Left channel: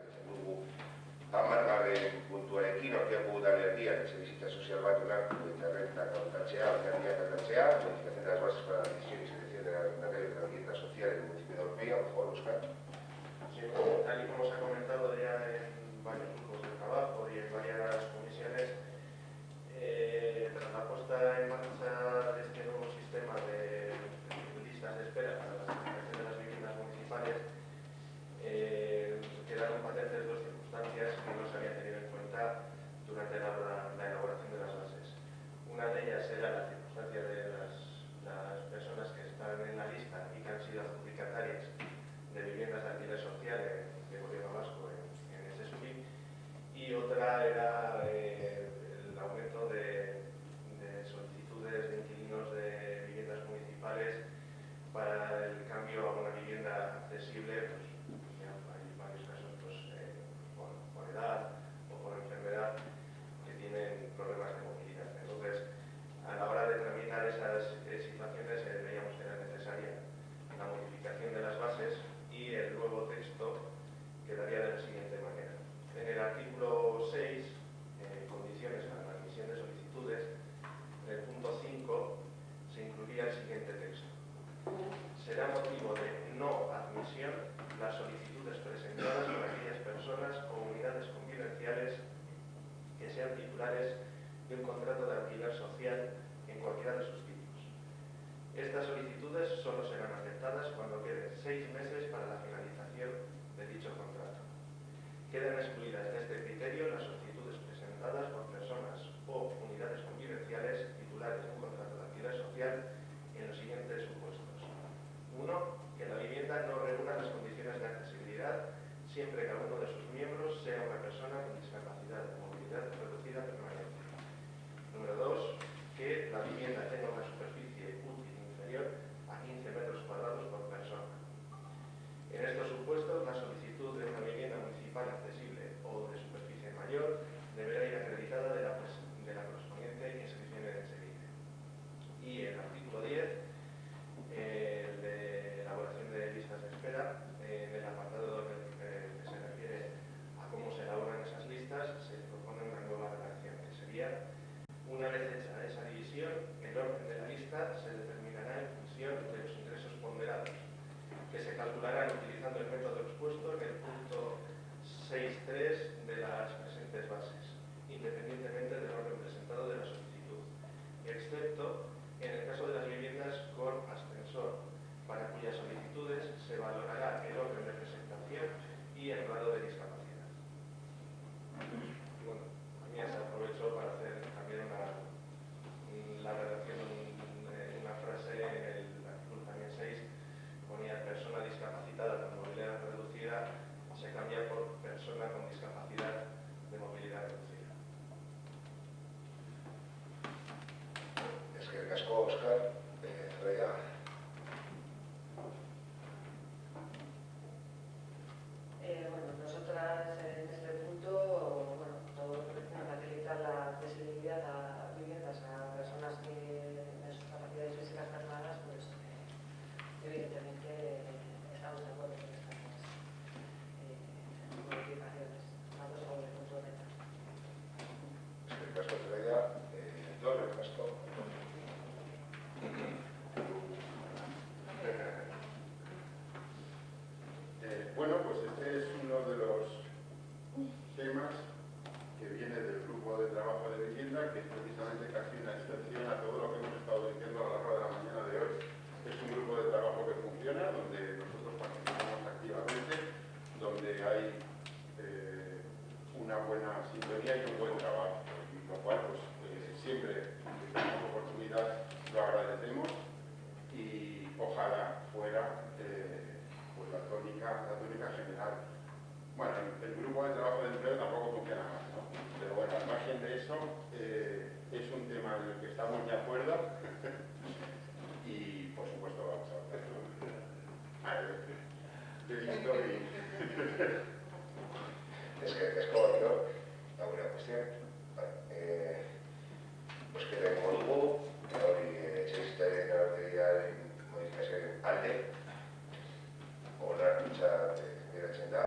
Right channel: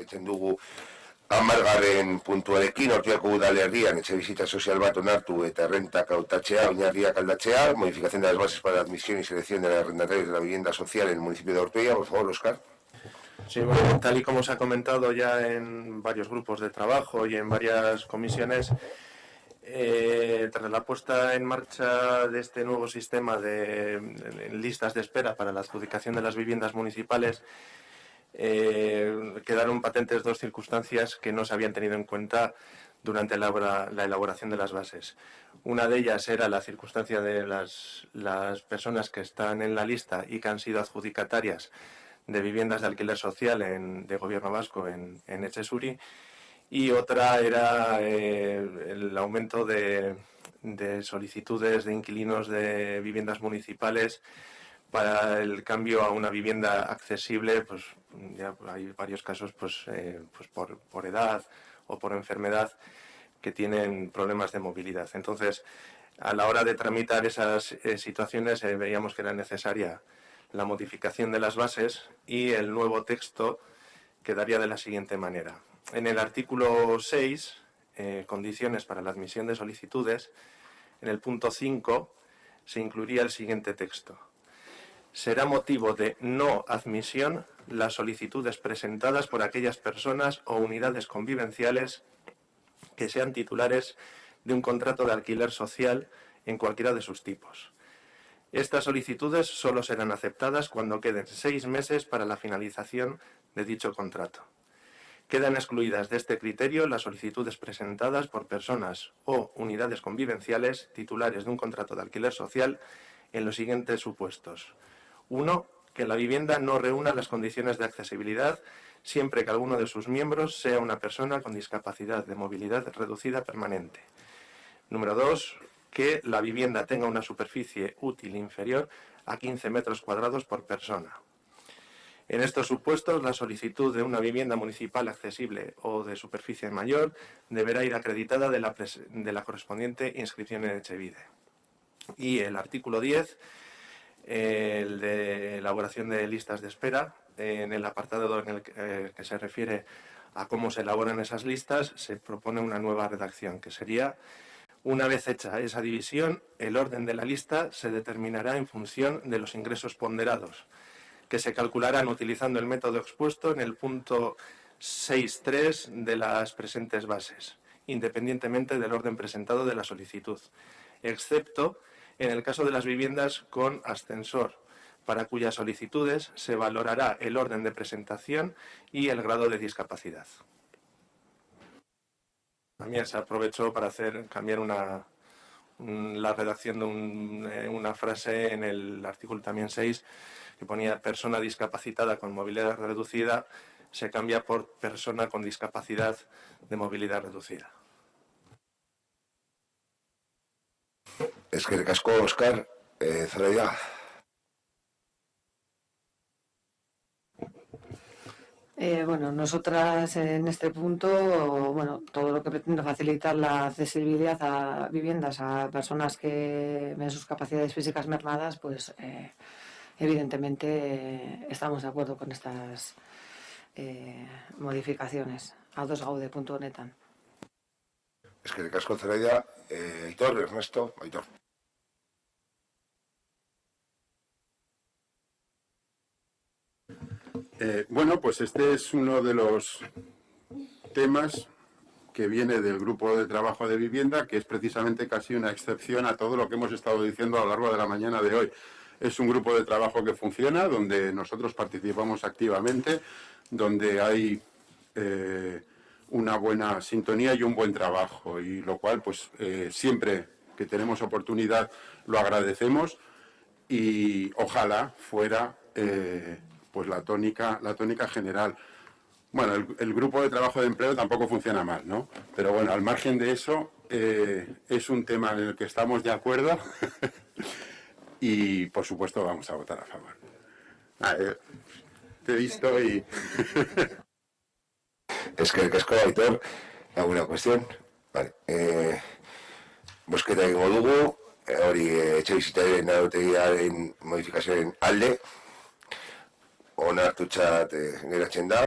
jarraitzen dugu 10. puntuarekin, Ortuellako udalerrian etxebizitza sozial bat onartu eta errentak hautatzea, oinarriak aldatzea, modificación de las bases para la admisión y selección de los arrendatarios de la vivienda social en el municipio de Ortuella. Por favor, Óscar. Sí, bueno, tal y como se ha comentado ya en varios grupos de trabajo y en varias comisiones, tras la puesta en marcha de este nuevo sistema de listas de espera para la adjudicación de las viviendas municipales, quedaron patentes dos circunstancias que no se habían tenido en cuenta durante la elaboración de las bases. Una de ellas era la circunstancia de las personas que están en la lista y que han sido adjudicatarias de viviendas de alquiler social de Gobierno vasco en Etxesuri, y otra era el aumento de solicitudes de inquilinos de viviendas municipales para el cambio a una vivienda accesible. Pues ya hay varios casos pues por edad o por enfermedad que tienen problemas de movilidad. Entonces, a la hora de tramitar esas situaciones veíamos que era necesaria la modificación de las bases, y el nuevo texto quedaría de la siguiente manera. En el artículo 6, condiciones para la admisión de solicitudes, en el punto 5 se incluiría el siguiente texto. Será motivo de no admisión las solicitudes presentadas por aquellas personas o unidades convivenciales que sean titulares de un contrato de alquiler social en cualquiera de sus tipos. Estas solicitudes solo serán aceptadas cuando queden 6 meses para la finalización de dicho contrato. Quedan excluidas de este criterio las solicitudes presentadas por personas o unidades convivenciales titulares de un contrato de alquiler social en los siguientes supuestos. 1. Que la vivienda no reúna las condiciones de accesibilidad siempre que alguno de sus miembros sea una persona con discapacidad de movilidad reducida permanente. Número 2. Que la vivienda tenga una superficie útil inferior a 15 metros cuadrados por persona. En estos supuestos, la solicitud de una vivienda municipal accesible o de superficie mayor deberá ir acreditada de la correspondiente inscripción en Etxebide. Y el artículo 10, el de elaboración de listas de espera, en el apartado en el que se refiere a cómo se elaboran esas listas, se propone una nueva redacción, que sería: una vez hecha esa división, el orden de la lista se determinará en función de los ingresos ponderados, que se calcularán utilizando el método expuesto en el punto 6.3 de las presentes bases, independientemente del orden presentado de la solicitud, excepto en el caso de las viviendas con ascensor, para cuyas solicitudes se valorará el orden de presentación y el grado de discapacidad. También se aprovechó para cambiar la redacción de una frase en el artículo también 6, que ponía persona discapacitada con movilidad reducida, se cambia por persona con discapacidad de movilidad reducida. Eskerrik asko, Óscar. Zoraida. Bueno, nosotras en este punto, bueno, todo lo que pretende facilitar la accesibilidad a viviendas a personas que ven sus capacidades físicas mermadas, pues evidentemente estamos de acuerdo con estas modificaciones. Ados gaude puntu honetan. Eskerrik asko, Zoraida. Aitor, Ernesto, Aitor. Bueno, pues este es uno de los temas que viene del grupo de trabajo de vivienda, que es precisamente casi una excepción a todo lo que hemos estado diciendo a lo largo de la mañana de hoy. Es un grupo de trabajo que funciona, donde nosotros participamos activamente, donde hay una buena sintonía y un buen trabajo, y lo cual, pues siempre que tenemos oportunidad lo agradecemos, y ojalá fuera pues la tónica general. Bueno, el grupo de trabajo de empleo tampoco funciona mal, ¿no? Pero bueno, al margen de eso, es un tema en el que estamos de acuerdo y, por supuesto, vamos a votar a favor. Te he visto y... Eskerrik asko, Aitor. ¿Alguna cuestión? Vale. Bozketa egingo dugu, hori etxebizitzaren arautegiaren modifikazioaren alde, onartutzat geratzen da.